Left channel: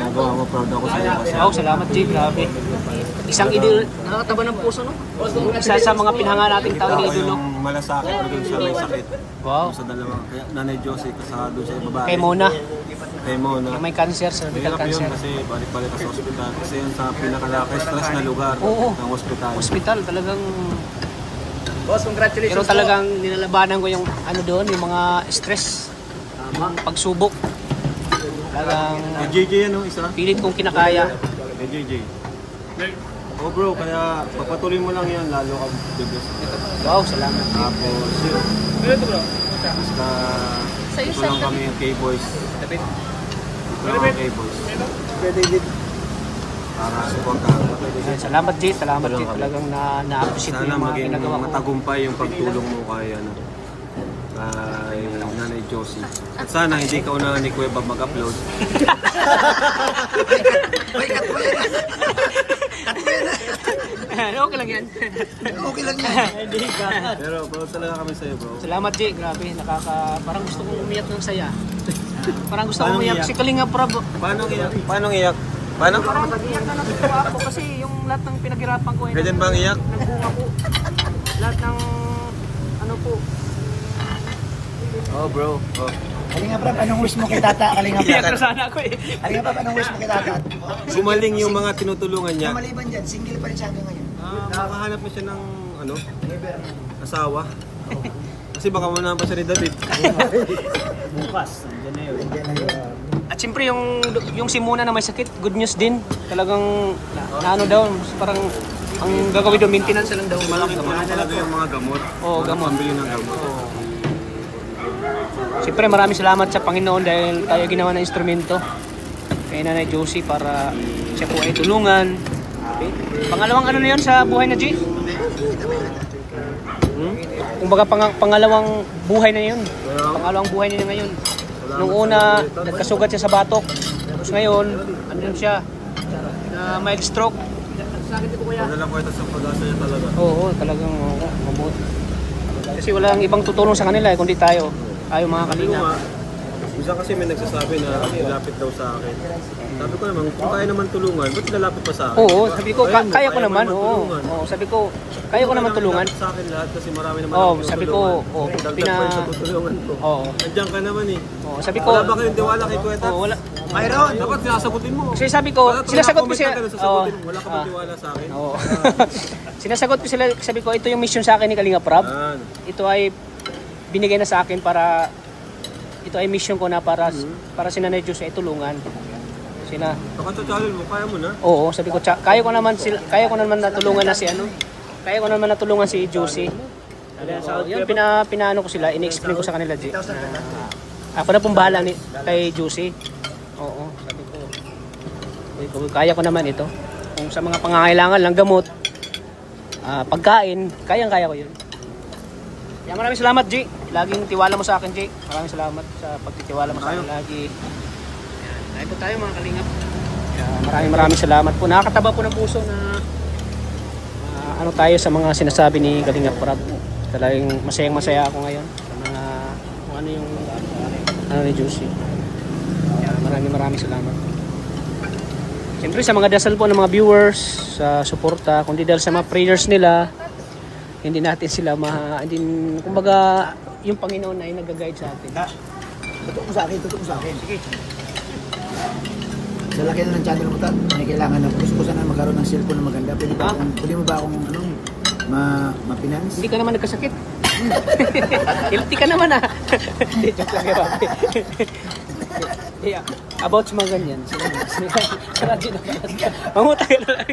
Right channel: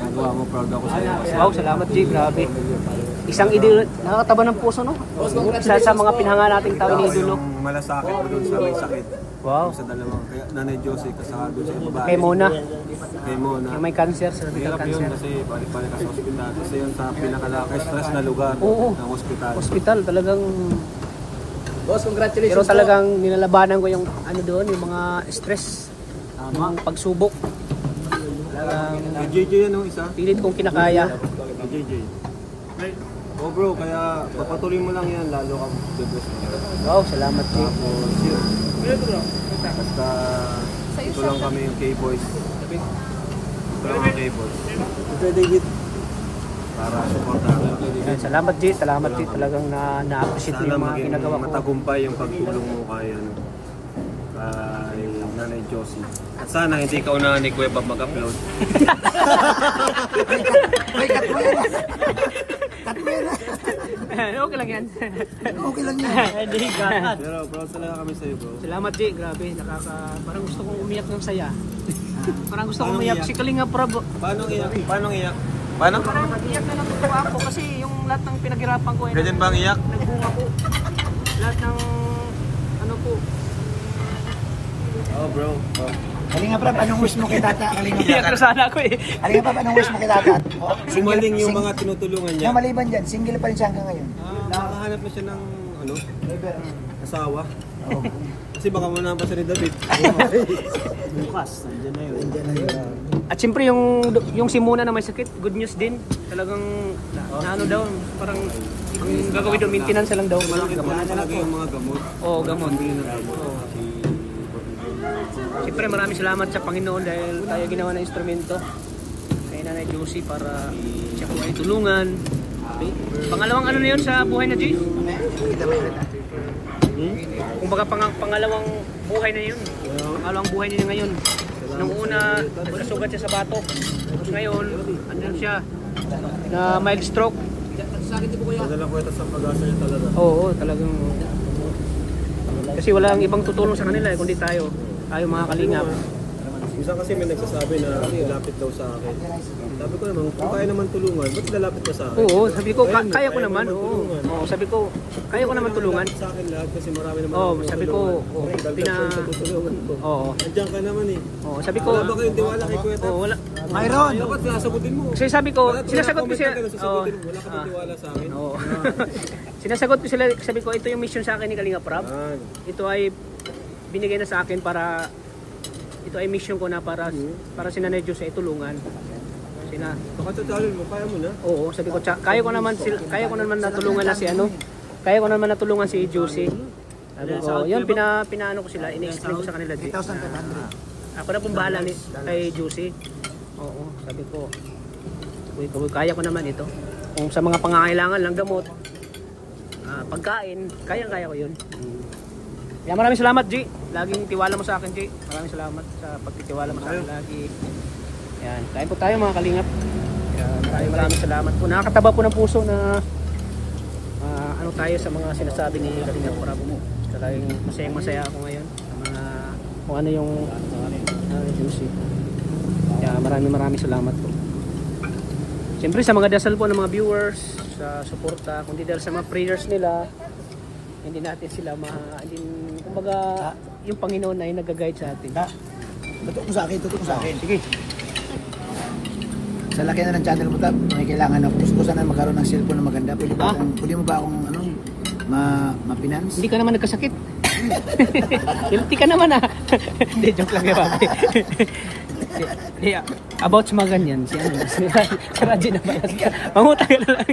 ginagawa mo, proud ako sa iyo. Wow, salamat Jay, grabe. Isang idol, nakakataba ng puso, no? Isa sa mga pinahanga nating tao, iniidolo. Malasakit, maging siya may sakit. Wow. Sa dalawa. Kaya Nanay Josie, kasama doon sa babae. Kay Mona. Kay Mona. Yung may cancer, cervical cancer. Kasi balik-balik sa ospital. Kasi yan sa pinaka-stress na lugar ng ospital. Hospital, talagang... Boss, congratulations. Pero talagang nilalabanan ko yung ano doon, yung mga stress, yung pagsubok. Talagang... Kay JJ yan o isa? Pilit kong kinakaya. Kay JJ. Oh bro, kaya pagpatuloy mo lang yan, lalo kang biggest. Wow, salamat po. Basta ito lang kami yung K-Boys. Ito lang yung K-Boys. Sige David. Para supportahan. Salamat Jay, salamat Jay. Talagang na-appreciate mo yung mga ginagawa ko. Matagumpay yung pagtulong mo kay Nanay Josie. At sana hindi ka unahan ni Kuya Bob mag-upload. Okay lang yan. Okay lang yan. Pero proud talaga kami sa iyo, bro. Salamat Jay, grabe. Parang gusto kong umiyak ng saya. Parang gusto kong umiyak. Si Kalinga Prab. Paano iyak? Paano iyak? Paano? Parang iyak na natutuwa ako kasi yung lahat ng pinaghirapan ko ay ganyan bang iyak? Nagbunga po. Lahat ng ano po. Oh bro. Oh. Kalinga pa, anong wish mo kay tata? Kalinga pa. Iyak na sana ako eh. Kalinga pa, anong wish mo kay tata? Sumaling yung mga tinutulungan niya. Maliban dyan, single pa rin siya hanggang ngayon. Makahanap na siya ng ano? Asawa. Kasi baka manahan pa siya ni David. Bukas, nandiyan na yun. At siyempre yung si Mona na may sakit, good news din. Talagang na ano daw, parang ang gagawin doon, maintenance lang daw. Mga gamot. Talaga yung mga gamot. Oo, gamot. Pambili ng gamot. Oo. Siyempre maraming salamat sa Panginoon dahil tayo ginawa ng instrumento kay Nanay Josie para siya po ay tulungan. Pangalawang ano na yun sa buhay na G? Kumbaga pangalawang buhay na yun. Pangalawang buhay niya ngayon. Nung una, nagkasugat siya sa batok. Tapos ngayon, ano siya, na mild stroke. Wala lang po ito sa pag-asa niya talaga. Oo, talagang mabuti. Kasi walang ibang tutulong sa kanila kundi tayo. Tayo mga kalingap. Minsan kasi may nagsasabi na ilapit daw sa akin. Sabi ko naman, kung kaya naman tulungan, ba't lalapit pa sa akin? Oo, sabi ko, kaya ko naman. Oo, sabi ko, kaya ko naman tulungan. Sa akin lahat kasi marami naman Oo, sabi ko, tutulungan ko. Oo. Andiyan ka naman eh. Oo, sabi ko, wala ba kayong tiwala kay Kuya Tat? oo, wala. Mayroon! Dapat sinasagutin mo. Kasi sabi ko, sinasagot ko siya. Oo. Wala ka ba tiwala sa akin? Oo. Sinasagot ko sila, sabi ko, ito yung mission sa akin ni Kalinga Prab. Ito ay binigay na sa akin para ito ay mission ko na para si Nanay Josie ay tulungan. Sila. Pagkatsatsaalin mo, kaya mo na? Oo, sabi ko, kaya ko naman natulungan na si ano. Kaya ko naman natulungan si Josie. Sabi ko, yun, pinaano ko sila, in-explain ko sa kanila, G. Ako na pong bahala kay Josie. Oo, sabi ko, kaya ko naman ito. Kung sa mga pangangailangan lang gamot, pagkain, kayang-kaya ko yun. Kaya maraming salamat, G. Laging tiwala mo sa akin, G. Maraming salamat sa pagtitiwala mo sa akin lagi. Yan, tayo po tayo mga kalingap. Maraming salamat po. Nakakataba po ng puso na ano tayo sa mga sinasabi ni Kalingap Prab. Talagang masayang-masaya ako ngayon sa mga kung ano yung ano ni Josie. Maraming salamat po. Siyempre sa mga dasal po ng mga viewers, sa suporta, kundi dahil sa mga prayers nila, hindi natin sila kumbaga yung Panginoon ay nag-guide sa atin. Totoo ko sa akin. Sige. Sa laki na ng channel mo, Tat, may kailangan ng kuskusan na magkaroon ng cellphone na maganda. Pwede mo ba akong ma-finance? Hindi ka naman nagkasakit. Guilty ka naman ah. Hindi, joke lang yun. About sa mga ganyan. Si Radji na. Mamutay na lang.